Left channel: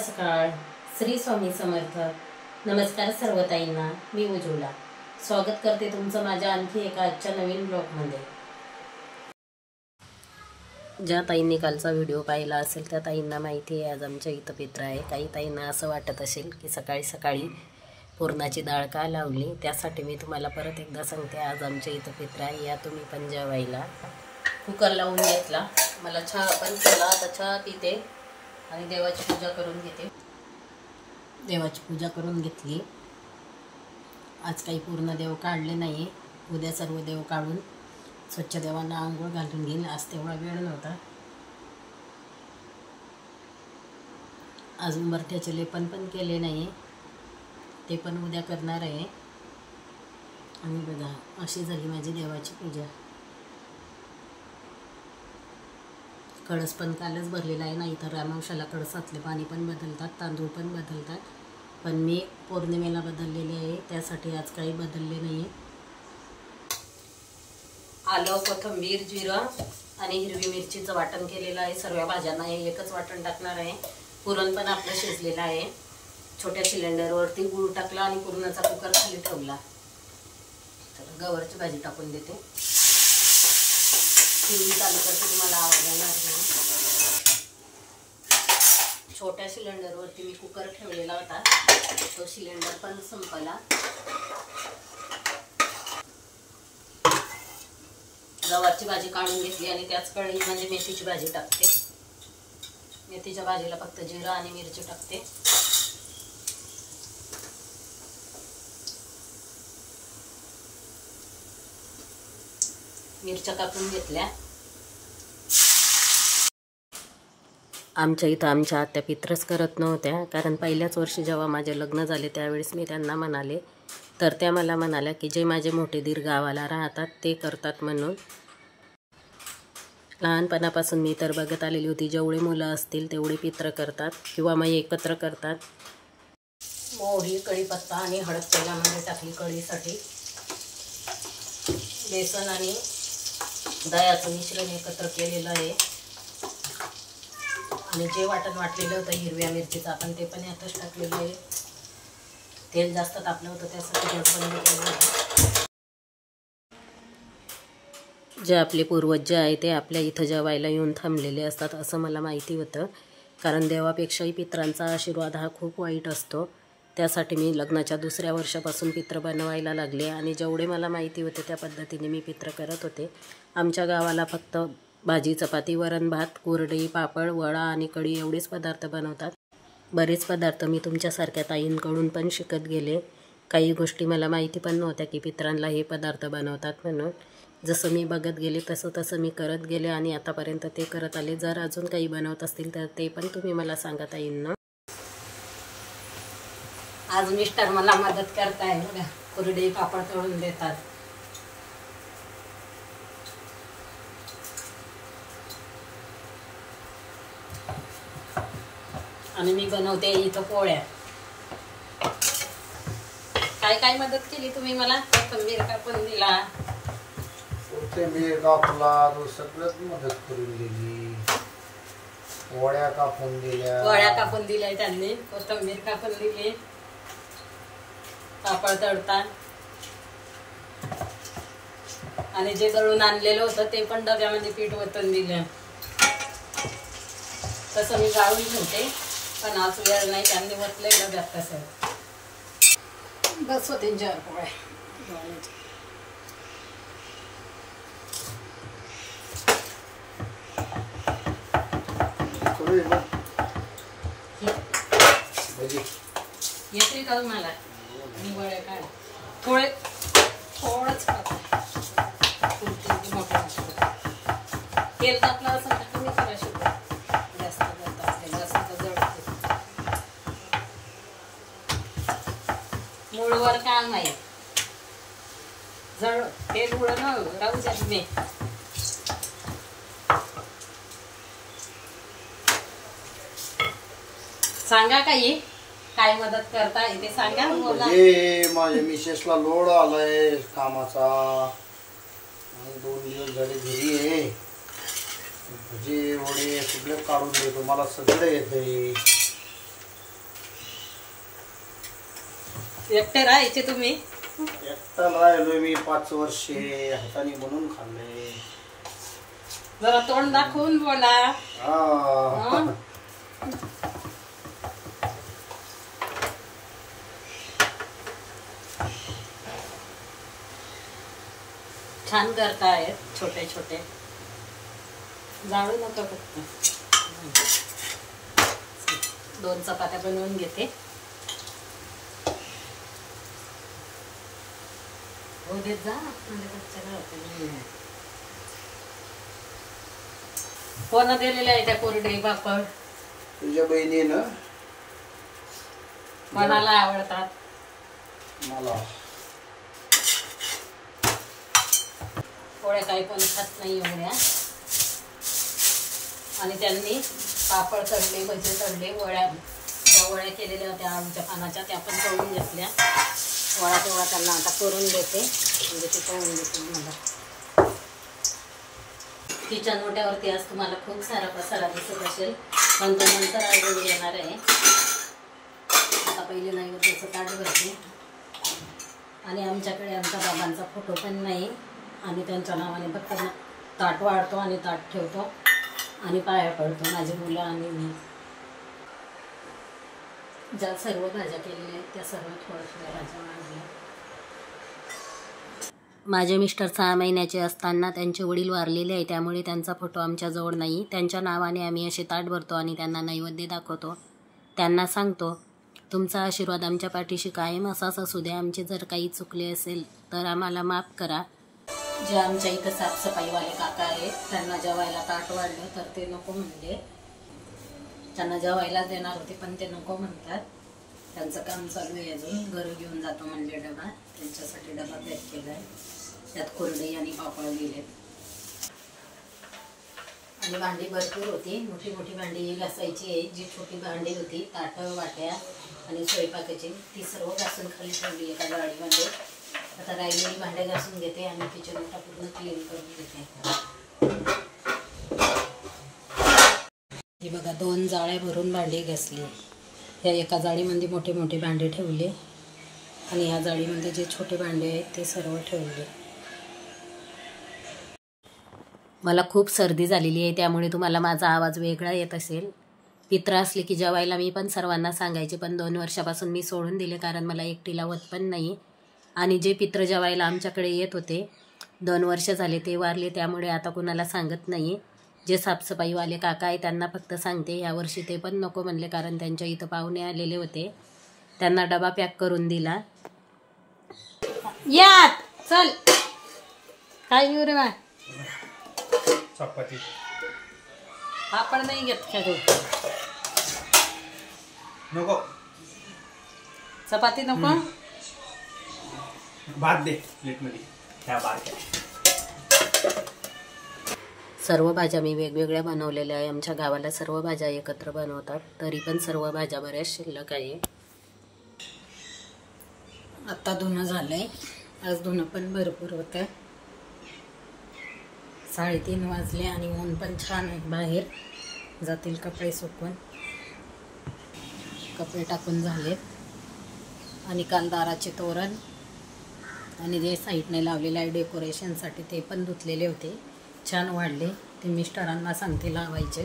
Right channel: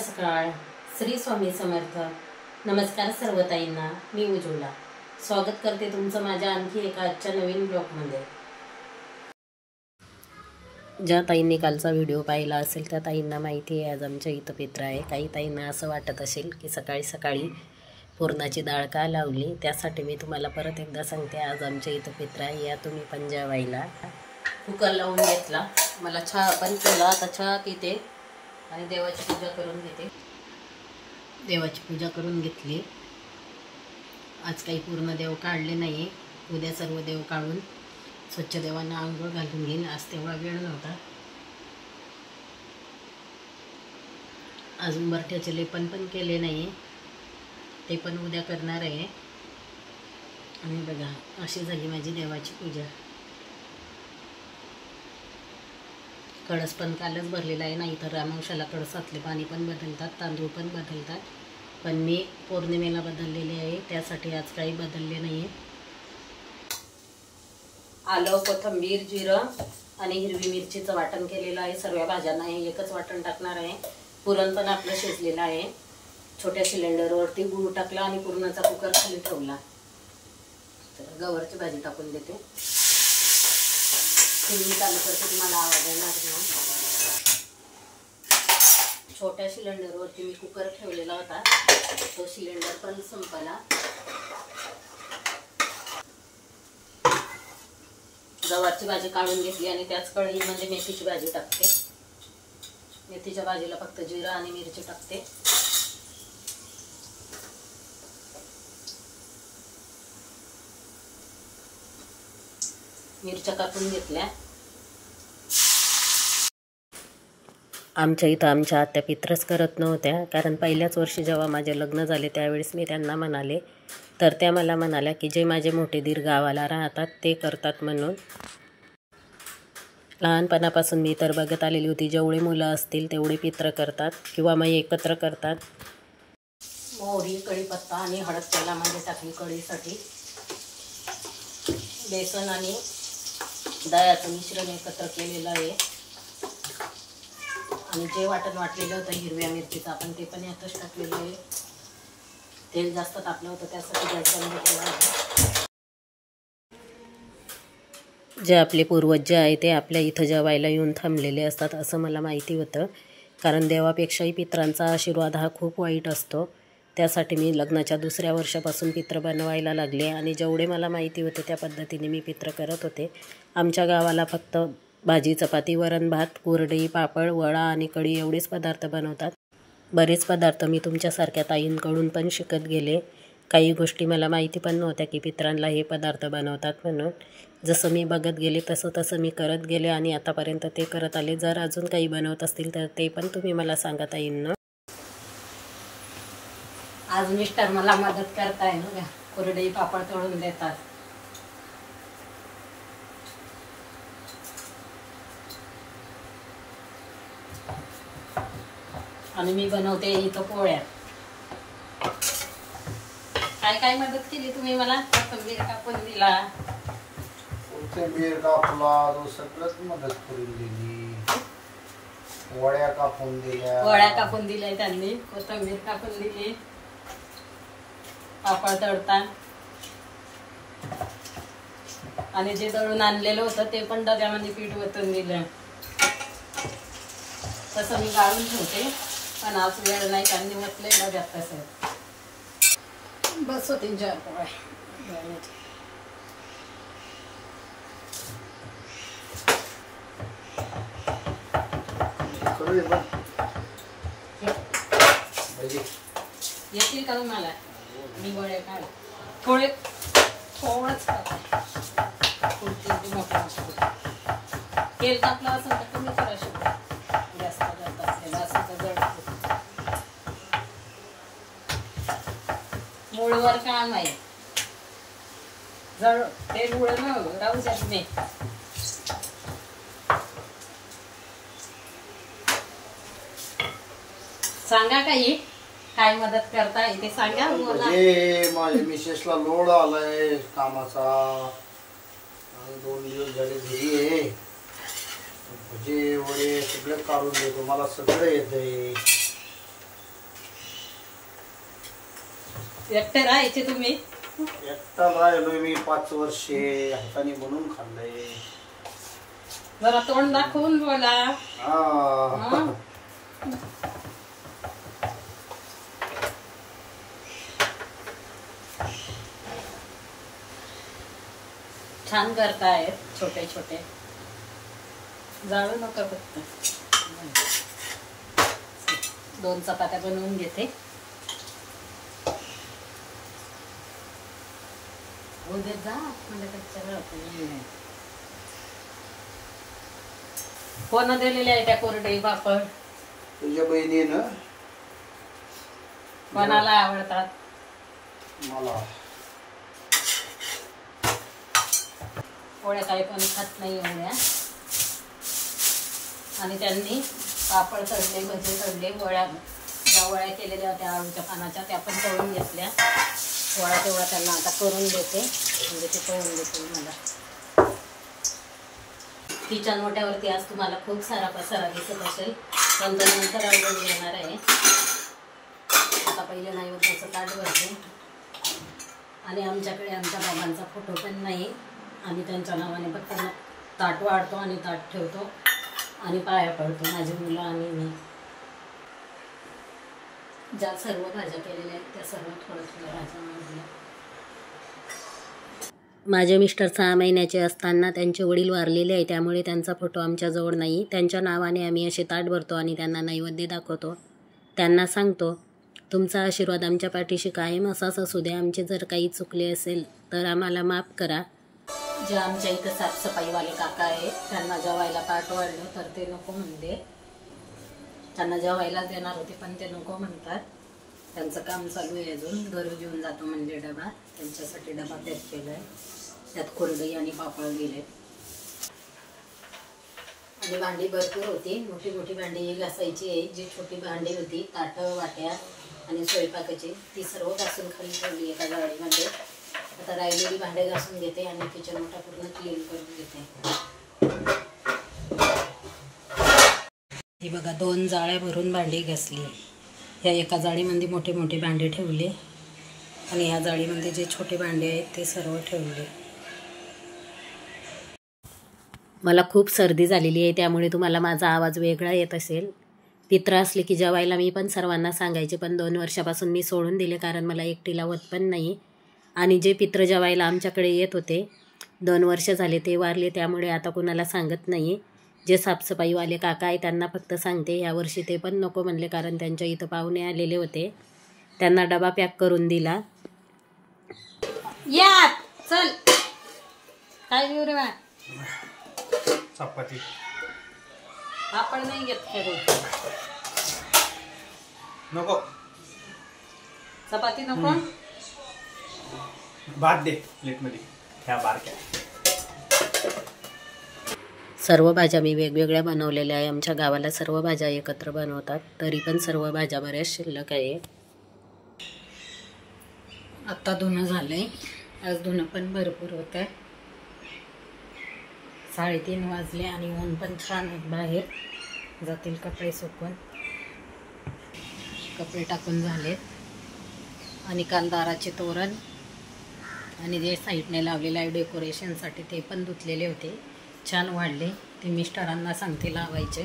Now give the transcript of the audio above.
सकाळ. श्री स्वामी समर्थ. नमस्कार सर्व ताईंना. मी उज्ज्वला स्वागत करते तुमचं माझ्या आणखी एका आजच्या नवीन ब्लॉगमध्ये. ज्या ताईंनी कालचा व्हिडिओ पाहिला असेल त्या ताईंना माहिती आहे आज आमच्या इथं पित्र आहे. काही ताईंना असं वाटत असेल की सकाळी सकाळी पुरणाची डाळ का लावली, त्यासाठी मी तुम्हाला परत एकदा सांगते. आज आमच्या इथं पित्र आहे, या तुम्ही पण जेवायला. कुकर लावून घेतला, मला चहा पण केला. आता चहा पिते आणि देवाची पूजा करून घेते. देवाची पूजा करून घेतली. आज काही पूर्ण देव काढले नाही, उद्या सर्व देव काढून स्वच्छ देवांना आंघोळ घालून घेईन. आज तेवढा वेळ नव्हता. अजून बरठ्याचे लेपन पण केले नाही, ते पण उद्या करणार आहे. आणि बघा अशी झाली माझी देवाची पूजा. कळस पण कालच भरलेला आहे, नाही तर अमावस्याला कळसातले पाणी पण बदलतात, तांदूळ पण बदलतात. पण मी पौर्णिमेला बदललेले आहे, त्यासाठी आज काही बदलले नाही आहे. आलं, कोथिंबीर, जिरं आणि हिरवी मिरचीचं वाटण केलेलं आहे. सर्व भाज्यांना हे एकच वाटण टाकणार आहे. पुरण पण आपलं शिजलेलं आहे. छोट्या सिलेंडरवरती गूळ टाकला आणि पुरणाचा कुकर खाली ठेवला. तर गवारची भाजी टाकून देते. टीव्ही चालू करते, तुम्हाला आवाज येणार नाही. छोट्या सिलेंडरवरती मी कुकर ठेवलेला होता, तो सिलेंडर पण संपला. गवारची भाजी काढून घेतली आणि त्याच कढईमध्ये मेथीची भाजी टाकते. मेथीच्या भाजीला फक्त जिरा आणि मिरची टाकते. मिरच्या कापून घेतल्या. आमच्या इथं आमच्या आत्या पित्रच करत नव्हत्या, कारण पहिल्याच वर्षी जेव्हा माझे लग्न झाले त्यावेळेस मी त्यांना म्हणाले, तर त्या मला म्हणाल्या की जे माझे मोठे दीर गावाला राहतात ते करतात म्हणून. लहानपणापासून मी तर बघत आलेली होती, जेवढे मुलं असतील तेवढे पित्र करतात किंवा मग एकत्र करतात. मोहरी, कढीपत्ता आणि हळद तेलामध्ये टाकली कढीसाठी. बेसन आणि दह्याचं मिश्रण एकत्र केलेलं आहे. आणि जे वाटण वाटलेलं होतं हिरव्या मिरचीचं, आपण ते पण यातच टाकलेलं आहे. तेल जास्त तापलं होतं, त्यासाठी गॅस बंद केला होता. जे आपले पूर्वज जे आहे ते आपल्या इथं जेवायला येऊन थांबलेले असतात असं मला माहिती होतं. कारण देवापेक्षाही पित्रांचा आशीर्वाद हा खूप वाईट असतो. त्यासाठी मी लग्नाच्या दुसऱ्या वर्षापासून पित्र बनवायला लागले आणि जेवढे मला माहिती होते त्या पद्धतीने मी पित्र करत होते. आमच्या गावाला फक्त भाजी, चपाती, वरण भात, कुरडई, पापड, वडा आणि कढी एवढेच पदार्थ बनवतात. बरेच पदार्थ मी तुमच्यासारख्या ताईंकडून पण शिकत गेले. काही गोष्टी मला माहिती पण नव्हत्या की पित्रांना हे पदार्थ बनवतात म्हणून. जसं मी बघत गेले तसं मी करत गेले आणि आतापर्यंत ते करत आले. जर अजून काही बनवत असतील तर ते पण तुम्ही मला सांगा ताईंना. आज मिस्टर मला मदत करताय ना, कुरडई पापड तळून देतात. आणि मी बनवते इथं पोळ्या. काय काय मदत केली तुम्ही मला? कोथिंबीर कापून दिला, कोथिंबीर कापला, सगळंच मदत करून दिली. वड्या कापून दिल्या त्यांनी. कोथिंबीर कापून दिली, पापड तळता. आणि जे दळून आणलेलं होतं ते पण डब्यामध्ये पीठ ओतून दिलं. तसं मी गाळून ठेवते, पण आज वेळ नाही, त्यांनी ओतले डब्यात. तसं बस 3-4 पोळ्या. येतील का तुम्हाला? मी वड्या काय थोडंच तेल टाकलं असेल तर तुम्ही करा शकता. जास्त जळत असलेलं असेल तर जळते. मूळवर काम आहे, जळ तेल उडणं राहू द्या तुम्ही. सांगा काही काय मदत करता ते सांगा. माझ्या मिसेसला लोड आलाय कामाचा, 2 दिवस झाले घरी आहे. भजे वडे सगळं काढून देतो, मला सगळं येते. एकटे राहायचे तुम्ही? एकटा राहिलोय मी 5 वर्षे, हाताने बनवून खाल्लंय. जरा तोंड दाखवून बोला. हा. छान करताय, छोटे छोटे. जाळू नका फक्त. 2 चपात्या बनवून घेते. उद्या जा कोण दिलेले आहे त्या कोरडे पापड? तुझ्या बहिणीनं. कोणाला आवडतात? मला. पोळ्या काही पण खात नाही एवढ्या. आणि त्यांनी पापड तळले, भजे तळले, ज्या वड्या केलेल्या होत्या आमच्या पानाच्या त्या पण तळून घेतल्या. तेवढा त्यांना आता करून देते, म्हणजे ते तळून देते मला. किचन मोठ्यावरती आज तुम्हाला खूप सारा पसारा दिसत असेल, पण तो नंतर अजून येणार आहे. आता पहिले नैवेद्याचं ताट भरते. आणि आमच्याकडे आमच्या बाबांचा फोटो पण नाही, आणि त्यांच्या नावाने फक्त ताट वाढतो आणि ताट ठेवतो आणि पाया पडतो, माझी मुलं आणि मी. ज्या सर्व भाज्या केलेल्या आहेत त्या सर्व थोड्या भाज्या मांडल्या. माझे मिस्टर 6 महिन्याचे असताना त्यांचे वडील वारलेले आहे, त्यामुळे त्यांचा फोटो आमच्याजवळ नाही. त्यांच्या नावाने आम्ही असे ताट भरतो आणि त्यांना नैवेद्य दाखवतो. त्यांना सांगतो, तुमचा आशीर्वाद आमच्या पाठीशी कायम असाच असू द्या. आमचे जर काही चुकले असेल तर आम्हाला माफ करा. जे आमच्या इथं साफसफाईवाले काका आहेत त्यांना जेवायला ताट वाढलं तर ते नको म्हणले. त्यांना जेवायला देणार होते पण ते नको म्हणतात. त्यांचं काम चालू आहे, अजून घरी घेऊन जातो म्हणले डबा. त्यांच्यासाठी डबा पॅक केला आहे, त्यात कोरडई आणि पापड गेलेत. आणि भांडी भरपूर होती, मोठी मोठी भांडी घासायची आहे. जी छोटी भांडी होती, ताटं वाट्या आणि स्वयंपाकाची, ती सर्व घासून खाली ठेवली एका गाडीमध्ये. आता राहिलेली भांडे घासून घेते आणि किचन मोठा पूर्ण क्लीन करून घेते. ही बघा 2 जाळ्या भरून भांडी घासली. ह्या एका जाळीमध्ये मोठे मोठे भांडे ठेवले आणि ह्या जाळीमध्ये जे छोटे भांडे आहेत ते सर्व ठेवले. मला खूप सर्दी झालेली आहे, त्यामुळे तुम्हाला माझा आवाज वेगळा येत असेल. पित्र असले की जेवायला मी पण सर्वांना सांगायचे, पण 2 वर्षापासून मी सोडून दिले, कारण मला एकटीला होत पण नाही. आणि जे पित्र जेवायला आमच्याकडे येत होते 2 वर्ष झाले ते वारले, त्यामुळे आता कुणाला सांगत नाही. जे साफसफाईवाले काका आहे त्यांना फक्त सांगते. यावर्षी ते पण नको म्हणले, कारण त्यांच्या इथं पाहुणे आलेले होते. त्यांना डबा पॅक करून दिला. या चल, काय घेऊ रे? चपाती. आपण नाही घेत खरे. नको चपाती नको. भात दे प्लेटमध्ये. ह्या बारक्या. सर्व भाज्या मी वेगवेगळ्या बनवलेल्या आहे. आमच्या गावाला सर्व भाज्या एकत्र बनवतात, तरी पण सर्व भाज्या बऱ्याच शिल्लक आहे. आत्ता धुणं झालंय, आज धुणं पण भरपूर होतं. 3:30 वाजले आणि ऊन पण छान आहे बाहेर. जातील कपडे सुकून. कपडे टाकून झालेत. आणि काल दाराचे तोरण आणि जे साईडने लावलेलं आहे डेकोरेशनसाठी ते पण धुतलेले होते, छान वाढले. ते मिस्टरांना सांगते लावायचे.